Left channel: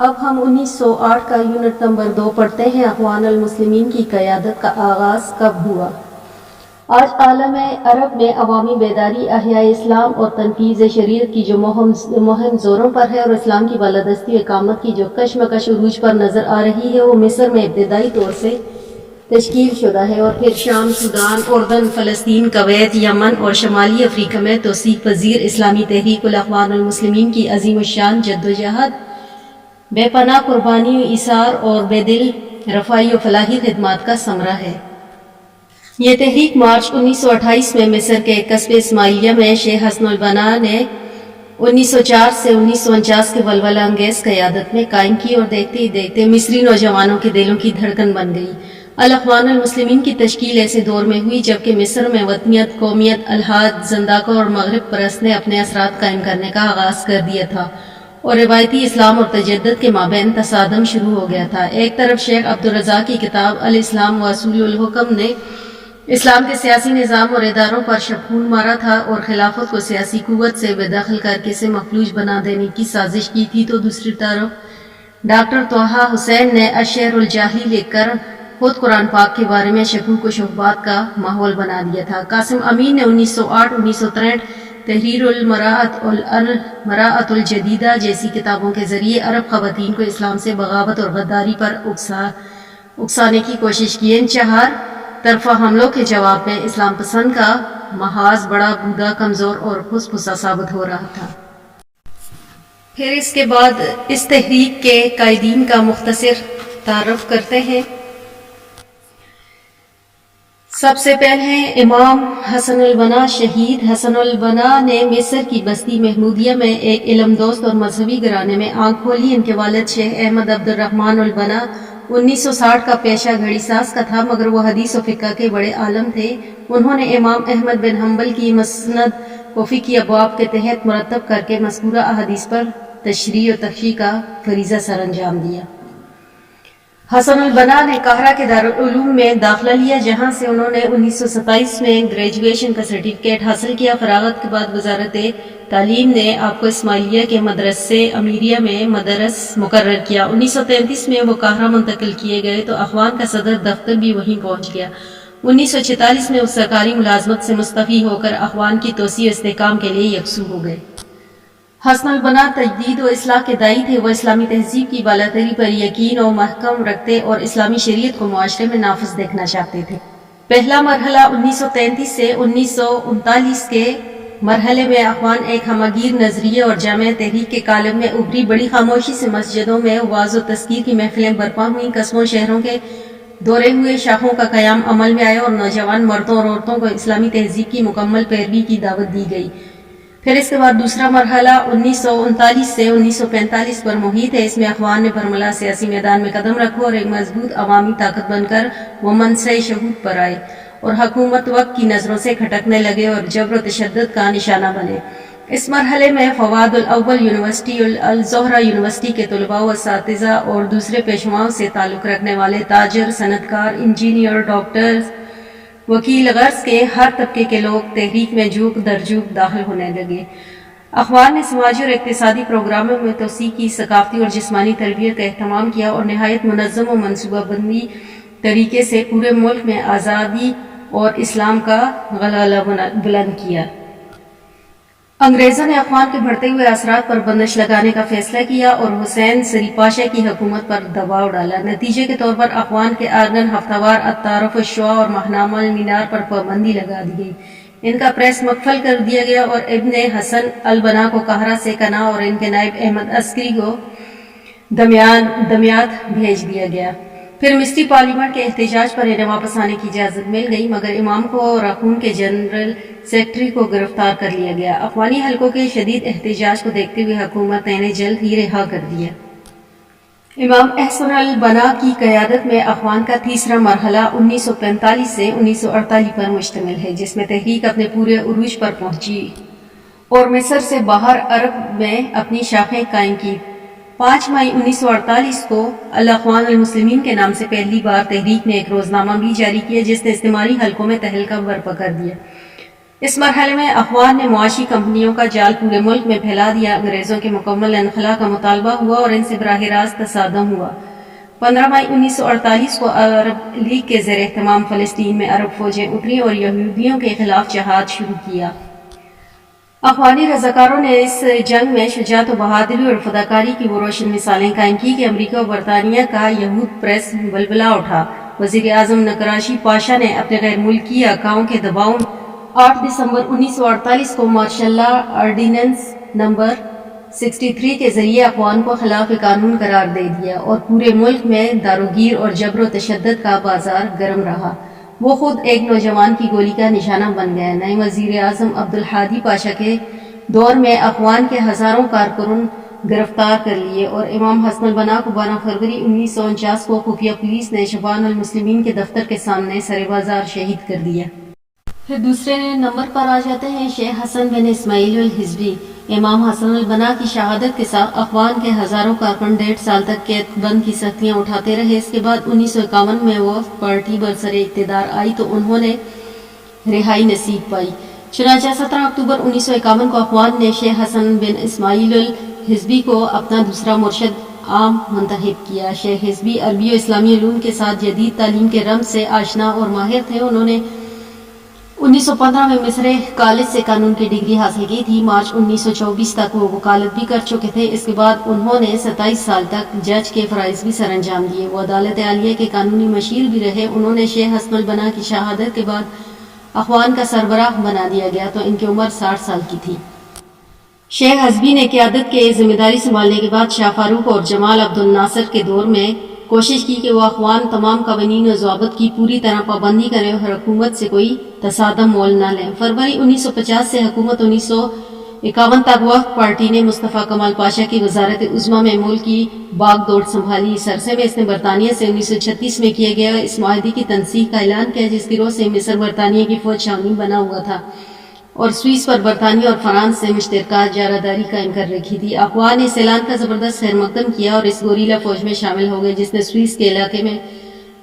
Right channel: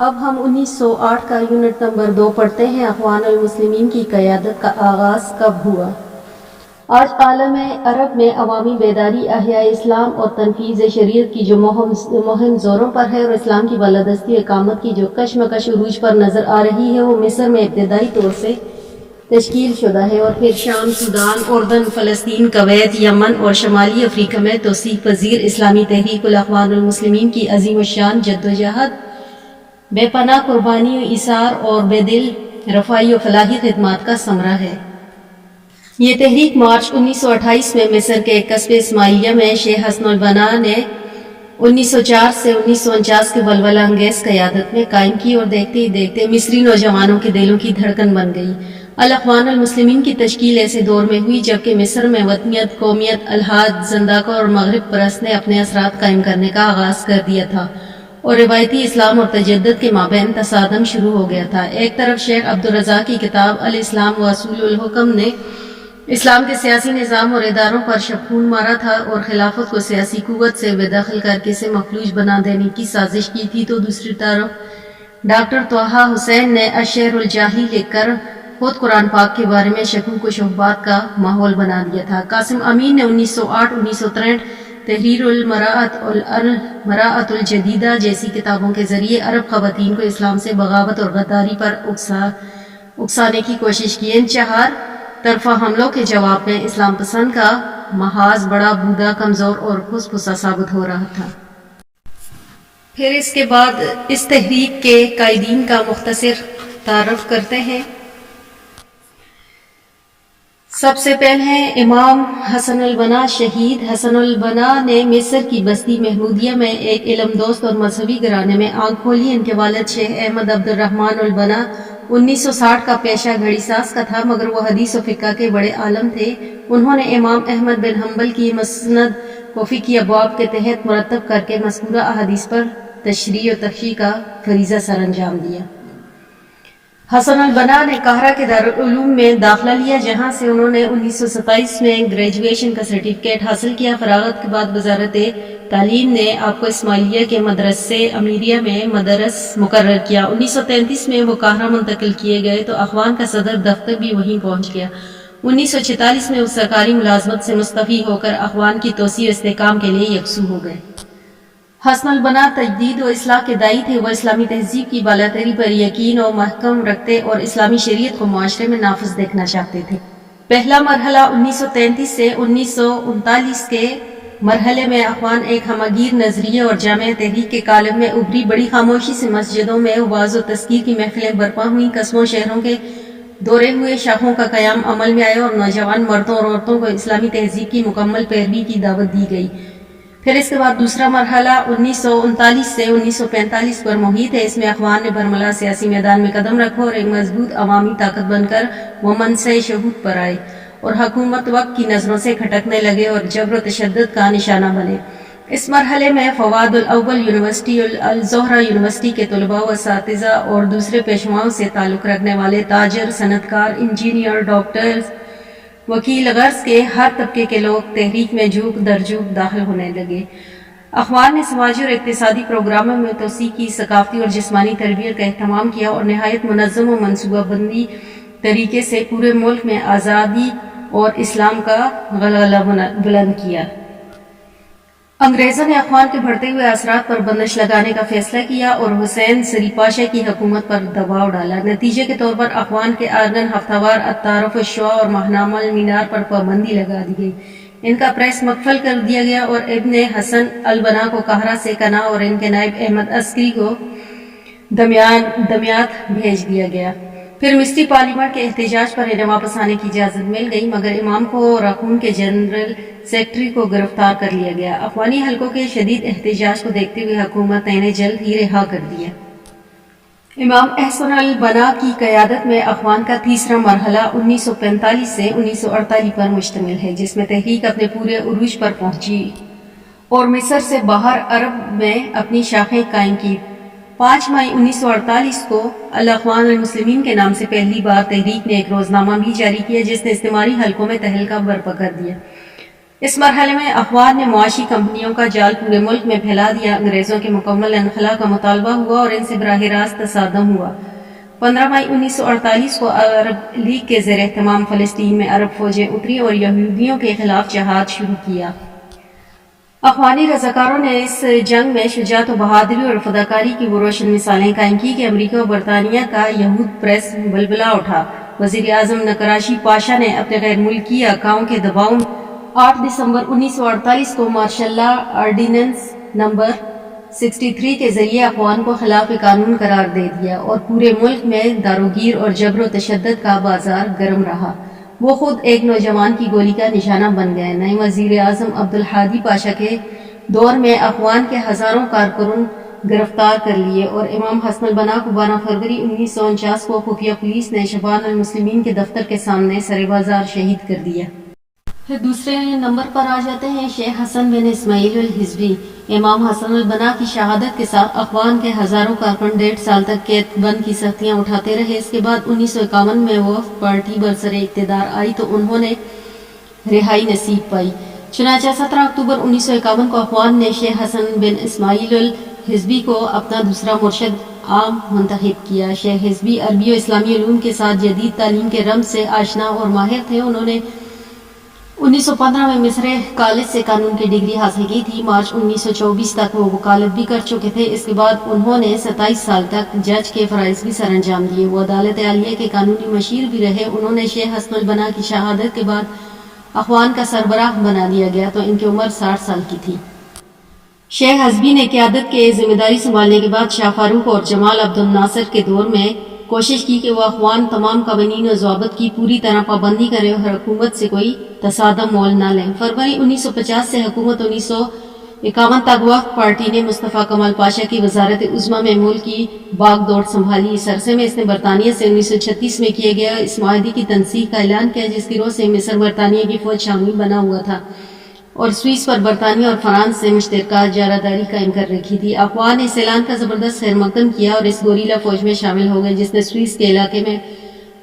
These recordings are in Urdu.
اب ہم 1908 کا یونٹ نمبر 2 پڑھتے ہیں۔ اخوان المسلمین کی قیادت کا آغاز کب ہوا؟ آج عالم عرب میں عوامی بیداری، احیاء اسلام اور تنفیذ شریعت کی جو مہم زوروں پر ہے اور اسلام کی بالادستی و اقامت کی جو کشمکش عروج پر نظر آ رہی ہے، وہ مصر میں ابتدائی طور سے تشکیل شدہ ہے اور پھر شام، سودان، اردن، فلسطین، کویت، یمن اور شمالی افریقہ میں توسیع پذیر اسلامی تحریک الاخوان المسلمین کی عظیم الشان جدوجہد، بے پناہ قربانی و ایثار اور بے دل رفاہی و فلاحی خدمات کا ثمرہ ہے۔ یہ تحریک مارچ 1928 میں مصر کے قصب اسماعیلیہ میں شیخ حسن البنا نے 1904 سے 1949 کے ولولہ انگیز قیادت میں قائم کی اور دیکھتے ہی دیکھتے مصری نوجوانوں کے دلوں کی دھڑکن بن گئی۔ الاخوان المسلمین کی تشکیل ایسے دور میں ہوئی جبکہ مصر میں وطنیت، قومیت، الحاد، زنداقہ اور مغرب پرست نے اپنے اثرات قائم کرنے کا آغاز کر دیا تھا اور روایتی اسلام اور تجدد کے مابین تصادم شروع ہو گیا تھا۔ ایک طرف شیخ عبدالرزاق کی کتاب الاسلام و اصول الحکم نے اسلام کے سیاسی نظام اور اداروں پر شبخون مارا تھا اور خلافت کو سیاسی قوت سے بے دخل کر کے اسے مفلوج بنا دینے کی سازش کی تھی، تو دوسری طرف ڈاکٹر طٰہٰ حسین نے الشعر الجاہلی لکھ کر خود قرآن پاک کے بارے میں شکوک و شبہات کا ماحول بنا دیا تھا۔ قاسم امین نے 1908-1963 تحریر المراءۃ المراءۃ الجدیدہ جیسی کتابوں کے ذریعے عرب خواتین کو اسلام سے بغاوت اور غداری پر اکسانے کی کوشش کی۔ ان چہار طرفہ حملوں کے جواب میں اسلام پسند کا محاذ بڑا بودا، کمزور اور پھس-پھسا ثابت ہو رہا تھا۔ پھر اس کے بعد اس تحریک کے قائدین کا مختصر تعارف کرتے ہیں۔ سب سے پہلے ہیں امام حسن البنا۔ شہید حسن البنا نے مصر کی بستی محمودیہ میں ایک علم دوست اور مذہبی گھرانے میں آنکھ کھولی۔ ان کے والد شیخ احمد عبد الرحمن البنا 1960 کا پیشہ گھڑی ساز کا تھا، مگر وہ حدیث و فقہ کے بڑے عالم تھے۔ انہوں نے امام احمد بن حنبل کی مسند کو فقہی ابواب کے تحت مرتب کر کے مذکورہ احادیث پر تشریح و تفصیل کا فریضہ سر انجام دیا۔ حسن البنا نے قاہرہ کے دارالعلوم میں داخلہ لیا، جہاں سے انہوں نے 1927 میں گریجویشن کا سرٹیفکیٹ حاصل کیا۔ فراغت کے بعد وزارت تعلیم نے آپ کو اسماعیلیہ کے مدرسہ امیریہ میں مدرس مقرر کیا۔ 1933 میں وہ قاہرہ منتقل کیے گئے تو اخوان کا صدر دفتر بھی وہیں پہنچ گیا۔ 1946 میں وہ سرکاری ملازمت سے مستعفی ہو کر اخوان کی توسیع و استحکام کے لیے یکسو ہو گئے۔ حسن البنا تجدید و اصلاح کے داعی تھے۔ وہ اسلامی تہذیب کی بالاتری پر یقین و محکم رکھتے اور اسلامی شریعت کو معاشرے میں نافذ دیکھنا چاہتے تھے۔ پہلا مرحلہ 1933 سے 1939 کے مرحلے میں اخوان ایک ہمہ گیر نظریے اور جامع تحریک کے قالب میں ابھری۔ بڑی خاموشی سے مسجدوں میں وعظ و تذکیر کی محفلیں برپا ہوئیں، قصبوں شہروں کے دورے ہوئے، شاخوں کا قیام عمل میں آیا اور نوجوان مردوں اور عورتوں کو اسلامی تہذیب کی مکمل پیروی کی دعوت دی گئی۔ پھر اس کے بعد دوسرا مرحلہ 1939 سے 1945 پر محیط ہے۔ اس میں اخوان نے برملا سیاسی میدان میں قدم رکھا اور ایک مضبوط عوامی طاقت بن کر وہ منصہ شہود پر آئے اور حکومت وقت کی نظروں سے کھٹکنے لگے اور جبر و تشدد کا نشانہ بنے۔ اس مرحلے میں فواد الاول یونیورسٹی، الزہرہ یونیورسٹی کے طلباء و اساتذہ اور دوسرے پیشواؤں سے تعلق رکھنے والے تاجر، صنعت کار، انجینئر، ڈاکٹر، وکیل، غرض کے ہر طبقے کے لوگ تحریک میں جھوک در جھوک داخل ہونے لگے۔ اخوان نے سماجی اور اقتصادی پروگراموں میں توسیع کی، ثقافتی اور جسمانی تربیت کا اہتمام کیا اور نہایت منظم و منصوبہ بندی طریقے سے پورے ملک میں آزادی اور اسلام کا غلغلہ بلند کیا۔ انگریزوں نے اخوان کے بڑھتے ہوئے اثرات پر بندش لگانے کا فیصلہ کیا اور حسین سری پاشا کی حکومت پر دباؤ ڈالا۔ نتیجے کے طور پر اخوان کے آرگن ہفتہ وار التعارف الشعاع اور ماہنامہ المنار پر پابندی لگا دی گئی، ان کا پریس مقفل کر دیا گیا اور ابن حسن البنا کو قاہرہ سے کنا اور ان کے نائب احمد عسکری کو دمیاط بھیج دیا گیا۔ پھر مصری پارلیمنٹ کے احتجاج پر انہیں واپس آنے کی اجازت مل گئی، مگر امام کو اور اخون کے جنرل سیکرٹری کو گرفتار کر لیا گیا۔ اخوانی حلقوں کے شدید احتجاج کو دیکھتے ہوئے حکومت نے انہیں جلد ہی رہا کر دیا۔ امام حسن البنا کی قیادت میں اخوان کا تیسرا مرحلہ 1945 سے 1948 پر مشتمل ہے، جس میں تحریک اپنے پورے عروج پر پہنچی اور مصر سے باہر عرب میں اپنی شاخیں قائم کی۔ 5 مئی 1948 کو الاخوان المسلمین کے نام سے پہلی بار تحریک نے ایک روزنامہ بھی جاری کیا، جس نے استعماری حلقوں میں تہلکہ برپا کر دیا۔ اس مرحلے میں افغان نے معاشی کمپنیوں کا جال پورے ملک میں پھیلا دیا، انگریزوں کے مکمل انخلا کا مطالبہ ہوا اور ان سے براہ راست تصادم ہوا۔ 15 مئی 1948 کو عرب لیگ کے زیر اہتمام فلسطین میں عرب فوجیں اتریں اور یہودیوں کے خلاف جہاد شروع کیا۔ افغانی رضاکاروں نے اس جنگ میں شجاعت و بہادری اور فداکاری کی وہ روشن مثالیں قائم کی کہ امریکہ و برطانیہ کا یہود پریس بلبلا اٹھا۔ وزیر اعظم نکراشی پاشا نے اپنے غیر ملکی آقاؤں کے دباؤ میں 8 دسمبر 1948 کو مارشل لا آرڈیننس نمبر 63 کے ذریعے افغان کو خلاف قانون قرار دے دیا اور پورے ملک میں داروگیر اور جبر و تشدد کا بازار گرم رہا۔ وہ خود ایک نوجوان کی گولی کا نشانہ بن گئے۔ نئے وزیر اعظم عبدالہادی پاشا کے دور میں افغان کے ہزاروں کارکنان گرفتار کر لیے اور امام حسن البنا کو 12 فروری 1949 کو خفیہ پولیس نے شبان المسلمین کے دفتر کے سامنے سر بازار شہید کر دیا۔ پھر دوسرے نمبر پر آ جاتے ہیں شیخ حسن بن اسماعیل الحزبی۔ امام حسن البنا کی شہادت کے ساتھ افغان کے ہزاروں کارکن 1.5 سال تک قید بند کی سختیاں اٹھاتے رہے۔ اس کے بعد 1951 میں وہ پارٹی برسر اقتدار آئی تو انہوں نے رہائی نصیب پائی۔ چنانچہ 17 اکتوبر 1951 کو افغان نے شیخ حسن بن اسماعیل الحزبی کو اپنا دوسرا مرشد عام منتخب کیا۔ شیخ حزبی عربی و اسلامی علوم کے ساتھ جدید تعلیم کے رمز سے آشنا اور ماہر تھے۔ انہوں نے 1915 میں مصر کالج سے قانون کی ڈگری حاصل کی تھی۔ مارچ 1924 تک وہ وکالت بھی کر چکے تھے۔ اس کے بعد انہوں نے 27 سال تک جج کے فرائض بھی سر انجام دیے۔ وہ عدالت عالیہ کے قانونی مشیر بھی رہے۔ انہوں نے شیخ حسن البنا کی شہادت کے بعد اخوان کا سربراہ بنا دیا گیا تو ان کی عمر 60 سال کی تھی۔ شیخ حزبی نے قیادت کے ذمہ داری سنبھالنے کے بعد شاہ فاروق اور جمال عبد الناصر کے دور میں کوشش کی کہ وہ اخوان تمام قوانین و ضوابط کی پوری طرح پابندی کریں اور حکومت سے کوئی تصادم مول نہ لیں۔ فروری 1950 سے حکومت 1951 تک وقت پارٹی نے مصطفیٰ کمال پاشا کی وزارت عظمیٰ میں ملک کی باغ دوڑ سنبھالی۔ اس عرصے میں اس نے برطانیہ سے 1936 میں کیے گئے اس معاہدے کی تنسیخ کا اعلان کیا جس کی روح سے مصر برطانیہ کی فوج چھاونی بنا ہوا تھا اور سوئس پر برطانیہ اور فرانس سے مشترکہ اجارہ داری قائم کر رکھی تھی۔ اخوان نے اس اعلان کا زبردست خیر مقدم کیا اور اس گوریلا فوج میں شامل ہو گئے جس نے سوئس کے علاقے میں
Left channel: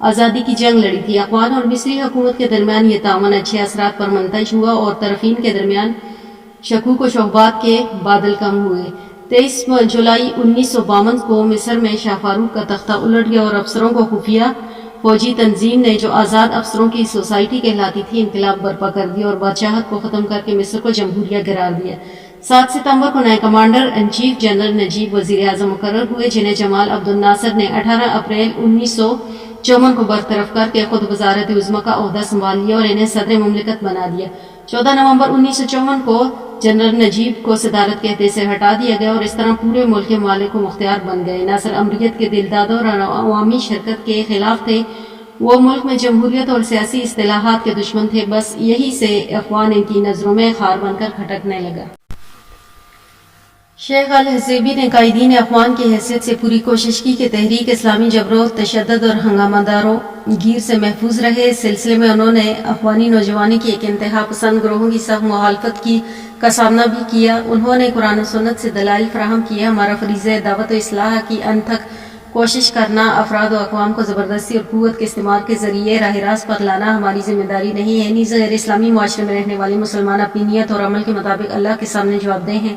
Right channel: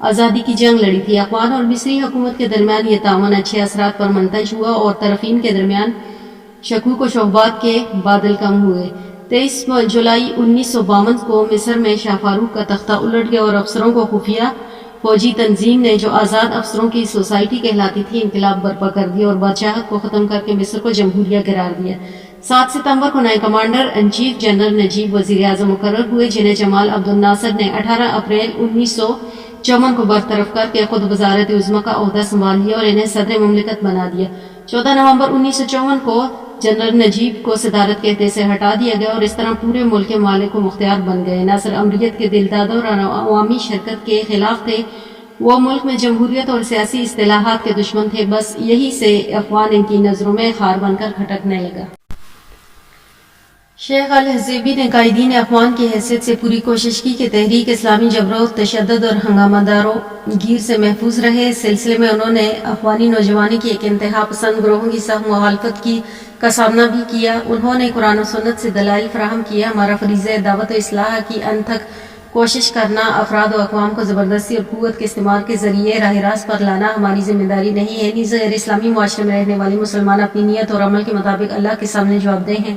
آزادی کی جنگ لڑی تھی۔ اخوان اور مصری حکومت کے درمیان یہ تعاون اچھے اثرات پر منتج ہوا اور طرفین کے درمیان شکوک و شبہات کے بادل کم ہوئے۔ 23 جولائی 1952 کو مصر میں شاہ فاروق کا تختہ الٹ گیا اور افسروں کو خفیہ فوجی تنظیم نے جو آزاد افسروں کی سوسائٹی کہلاتی تھی انقلاب برپا کر دیا اور بادشاہت کو ختم کر کے مصر کو جمہوریہ قرار دیا۔ 7 ستمبر کو نئے کمانڈر ان چیف جنرل نجیب وزیر اعظم مقرر ہوئے جنہیں جمال عبد الناصر نے 18 اپریل 1954 کو برطرف کر کے خود وزارت عظمیٰ کا عہدہ سنبھال لیا اور انہیں صدر مملکت بنا دیا۔ 14 نومبر 1954 کو جنرل نجیب کو صدارت کے عہدے سے ہٹا دیا گیا اور اس طرح پورے ملک کے مالک و مختار بن گئے۔ ناصر امریت کے دلدادوں اور عوامی شرکت کے خلاف تھے۔ وہ ملک میں جمہوریت اور سیاسی اصطلاحات کے دشمن تھے۔ بس یہی سے اخوان ان کی نظروں میں خار بن کر کھٹکنے لگا۔ شیخ الحزبی نے قائدین اخوان کی حیثیت سے پوری کوشش کی کہ تحریک اسلامی جبر و تشدد اور ہنگامہ داروں گیر سے محفوظ رہے۔ اس سلسلے میں انہوں نے اخوانی نوجوانوں کی ایک انتہا پسند گروہوں کی سخت مخالفت کا سامنا بھی کیا۔ انہوں نے قرآن و سنت سے دلائل فراہم کیا۔ ہمارا فریضہ دعوت و اصلاح کی ان تک کوشش کرنا، افراد و اقوام کو زبردستی اور قوت کے استعمال کے ذریعے راہ راست پر لانا ہماری ذمہ داری نہیں ہے۔ نیز غیر اسلامی معاشرے میں رہنے والے مسلمان اپنی نیت اور عمل کے مطابق اللہ کے سامنے جواب دہ ہیں۔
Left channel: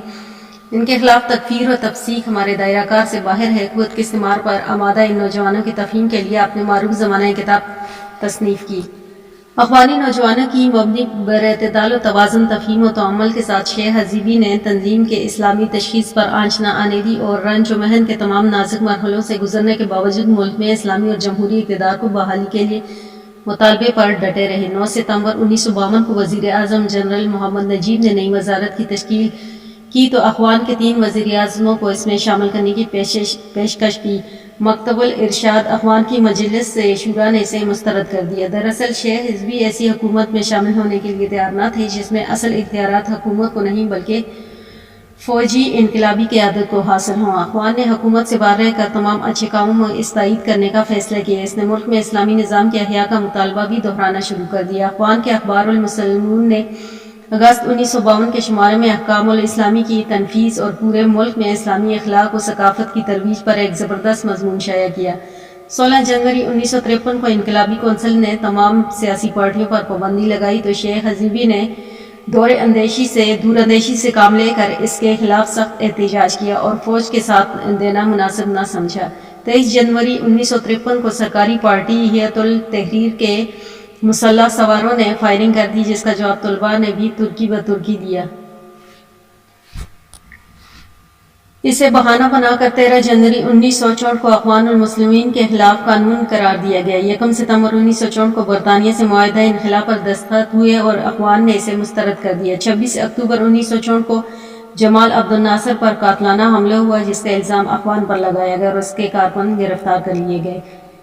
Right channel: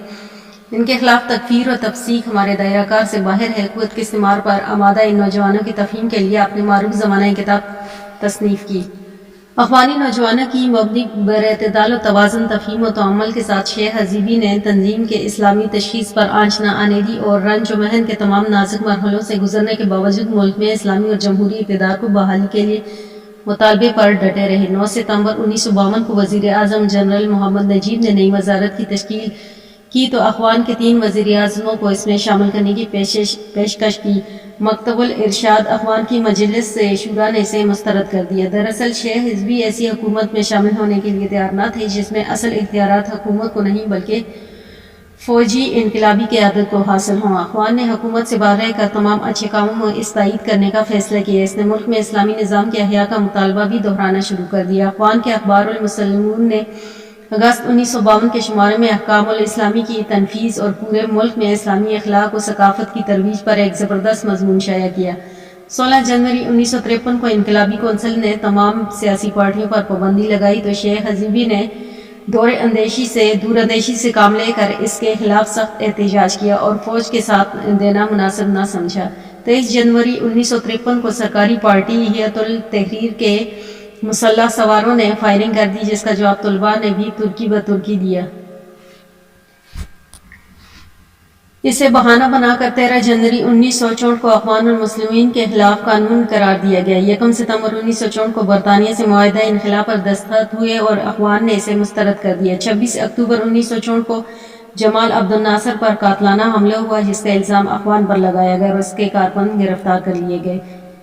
ان کے خلاف تکفیر و تفسیق ہمارے دائرہ کار سے باہر ہے۔ قوت کے استعمال پر آمادہ ان نوجوانوں کی تفہیم کے لیے اپنے معروف زمانہ کتاب تصنیف کی۔ اخوانی نوجوانوں کی مبنی بر اعتدال و توازن تفہیم و تعامل کے ساتھ شیخ حزبی نے تنظیم کے اسلامی تشخیص پر آنچ نہ آنے دی اور رنج و محن کے تمام نازک مرحلوں سے گزرنے کے باوجود ملک میں اسلامی اور جمہوری اقتدار کو بحالی کے لیے مطالبے پر ڈٹے رہے۔ 9 ستمبر 1952 کو وزیر اعظم جنرل محمد نجیب نے نئی وزارت کی تشکیل کی تو اخوان کے 3 وزیر اعظموں کو اس میں شامل کرنے کی پیشکش کی۔ مکتب الارشاد اخوان کی مجلس شورا نے اسے مسترد کر دیا۔ دراصل شیخ حزبی ایسی حکومت میں شامل ہونے کے لیے تیار نہ تھے جس میں اصل اختیارات حکومت کو نہیں بلکہ فوجی انقلابی قیادت کو حاصل ہوں۔ اخوان نے حکومت سے باہر رہ کر تمام اچھے کاموں میں استعید کرنے کا فیصلہ کیا۔ اس نے ملک میں اسلامی نظام کے احیاء کا مطالبہ بھی دہرانا شروع کر دیا۔ اخوان کے اخبار المسلمون نے اگست 1952 کے شمارے میں احکام الاسلامی کی تنفیذ اور پورے ملک میں اسلامی اخلاق و ثقافت کی ترویج پر ایک زبردست مضمون شائع کیا۔ 16 جنوری 1953 کو انقلابی کونسل نے تمام سیاسی پارٹیوں پر پابندی لگائی تو شیخ حزبی نے دور اندیشی سے کام لے کر اس کے خلاف سخت احتجاج کیا اور فوج کے ساتھ دینا مناسب نہ سمجھا۔ 23 جنوری 1953 کو سرکاری پارٹی حیات التحریر کے مسلح سواروں نے فائرنگ کر دی، جس کا جواب طلباء نے بھی ترکی بترکی دیا۔ اسے بہانہ بنا کر 13 جنوری 1964 کو اخوان المسلمین کے خلاف قانون قرار دیا گیا۔ 1 ستمبر 1964 کو برطانیہ سے معاہدہ انخلا پر دستخط ہوئے اور اخوان نے اسے مسترد کر دیا۔ 26 اکتوبر 1964 کو جمال عبد الناصر پر قاتلانہ حملہ ہوا، جس کا الزام اخوان پر لگایا گیا اور اس کے کارکن گرفتار کر لیے گئے۔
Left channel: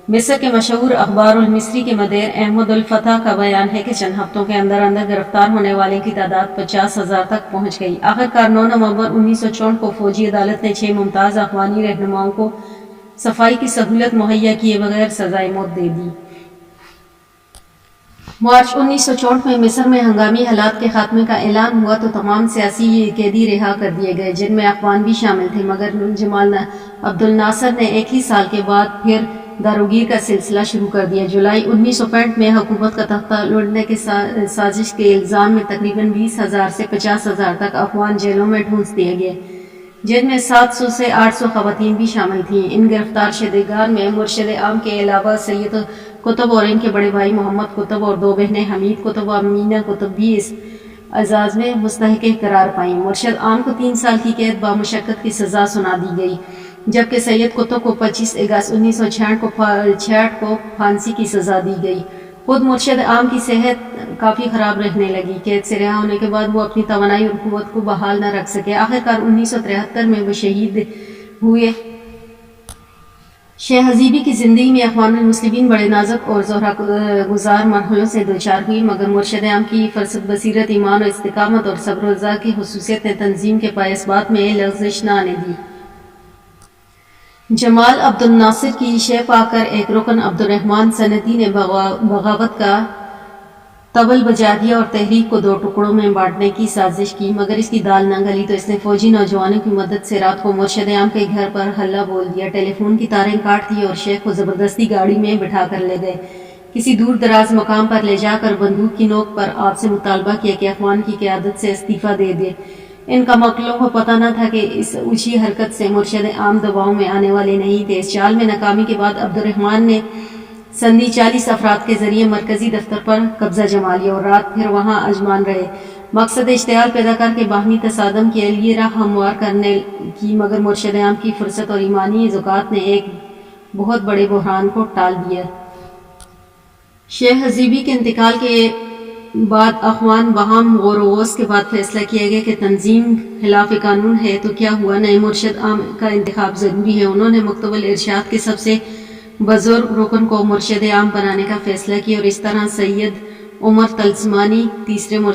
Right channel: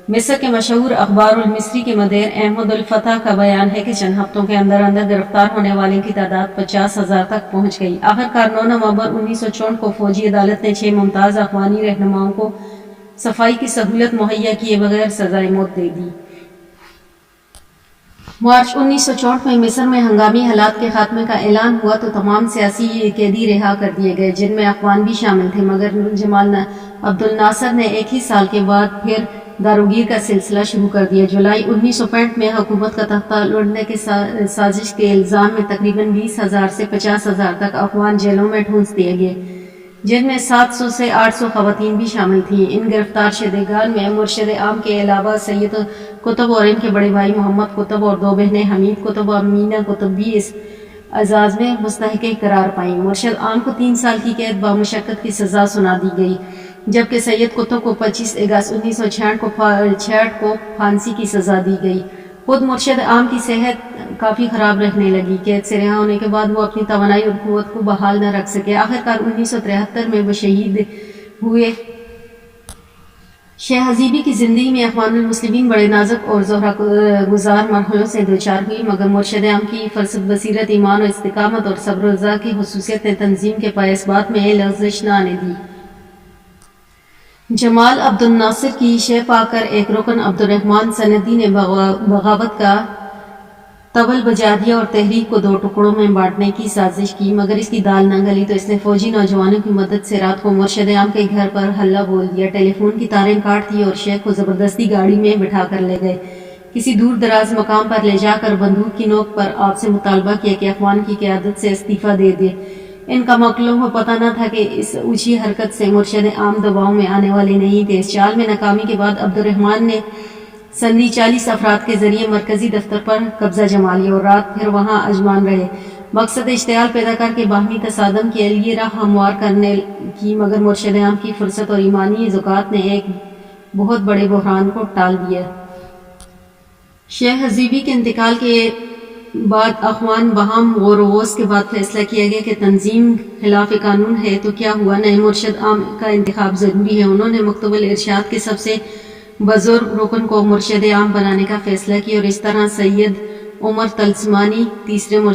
مصر کے مشہور اخبار المصری کے مدیر احمد الفتح کا بیان ہے کہ چند ہفتوں کے اندر گرفتار ہونے والے کی تعداد 50,000 تک پہنچ گئی۔ آخرکار 9 نومبر 1964 کو فوجی عدالت نے 6 ممتاز اخوانی رہنماؤں کو صفائی کی سہولت مہیا کیے بغیر سزائے موت دے دی۔ مارچ 1964 میں مصر میں ہنگامی حالات کے خاتمے کا اعلان ہوا تو تمام سیاسی قیدی رہا کر دیے گئے، جن میں اخوان بھی شامل تھے، مگر جمال عبد الناصر نے ایک ہی سال کے بعد پھر داروگیر کا سلسلہ شروع کر دیا۔ جولائی 1965 میں حکومت کا تختہ لوٹنے کے سازش کے الزام میں تقریباً 20,000 سے 50,000 تک اخوان جیلوں میں ٹھونس دیے گئے، جن میں 700 سے 800 خواتین بھی شامل تھیں۔ ان گرفتار شدگان میں مرشد عام کے علاوہ سید قطب اور ان کے بڑے بھائی محمد قطب اور 2 بہنیں حمید قطب و امینہ قطب بھی اس اعزاز میں مستحق قرار پائیں۔ مرشد عام کو 3 سال کی قید بامشقت کی سزا سنا دی گئی، جبکہ سید قطب کو 25 اگست 1966 کو پھانسی کی سزا دی گئی۔ خود مرشد عام کی صحت کافی خراب رہنے لگی۔ قید سے رہا ہونے کے بعد وہ اپنی توانائی اور قوت کو بحال نہ رکھ سکے۔ آخرکار 1973 میں وہ شہید ہوئے۔ شیخ حزیبی کی زندگی میں اخوان المسلمین بڑے نازک اور زہرہ گزار مرحلوں سے دوچار ہوئی، مگر مرشد عام کی فرصت، بصیرت، ایمان و استقامت اور صبر و رضا کی خصوصیت نے تنظیم کے پائے بات میں لغزش نہ آنے دی۔ جمال عبد الناصر کی شہ پا کر ایک رکن عبد الرحمن سندی نے بغاوت کا طبل بجا دیا اور تحریک کو 2 ٹکڑوں میں بانٹنے کی سازش کی، مگر اس کی دال نہ گلی تو اس نے فوجی نوجوانوں کی مدد سے رات کو مرشد عام کے گھر پر حلہ بول دیا، ٹیلی فون کی تاریں کاٹ دی اور شیخ کو زبردستی گاڑی میں بٹھا کر لے گئے۔ کسی دور دراز مقام پر لے جا کر بندوق کی نوک پر آپ سے مطالبہ کیا کہ اخوان کی قیادت سے استعفیٰ دے دے۔ ان کا مکلوں کو پتہ نہ تھا کہ اس اونچی حرکت سے مرشد عام دباؤ میں آنے والے نہیں تھے۔ اس چال میں ناکامی کے بعد عبد الرحمن نے سندھی 40 افراد کے ذریعے مرکزی دفتر پر قبضہ جما لیا اور رات بھر وہاں اجمان رہے، مقصد اشتعال پیدا کر کے باہمی تصادم کے لیے راہ ہموار کرنے کی، مگر مرشد عام کی فرصت اور ایمانی ذکات نے ایک بہت بڑے بحران کو ٹال دیا۔ شیخ حزیبی کے انتقال کے بعد اخوان باہم غور و غوص کے بعد فیصلہ کیا گیا کہ تنظیم خلاف قانون ہے تو کیا ہوا، نئے مرشد عام کا انتخاب ضروری ہے۔ انہوں نے مکتب الارشاد کے سب سے بزرگ رکن کو مرشد عام بنانے کا فیصلہ کیا اور اس طرح سید عمر طلسمانی تیسرے مرشد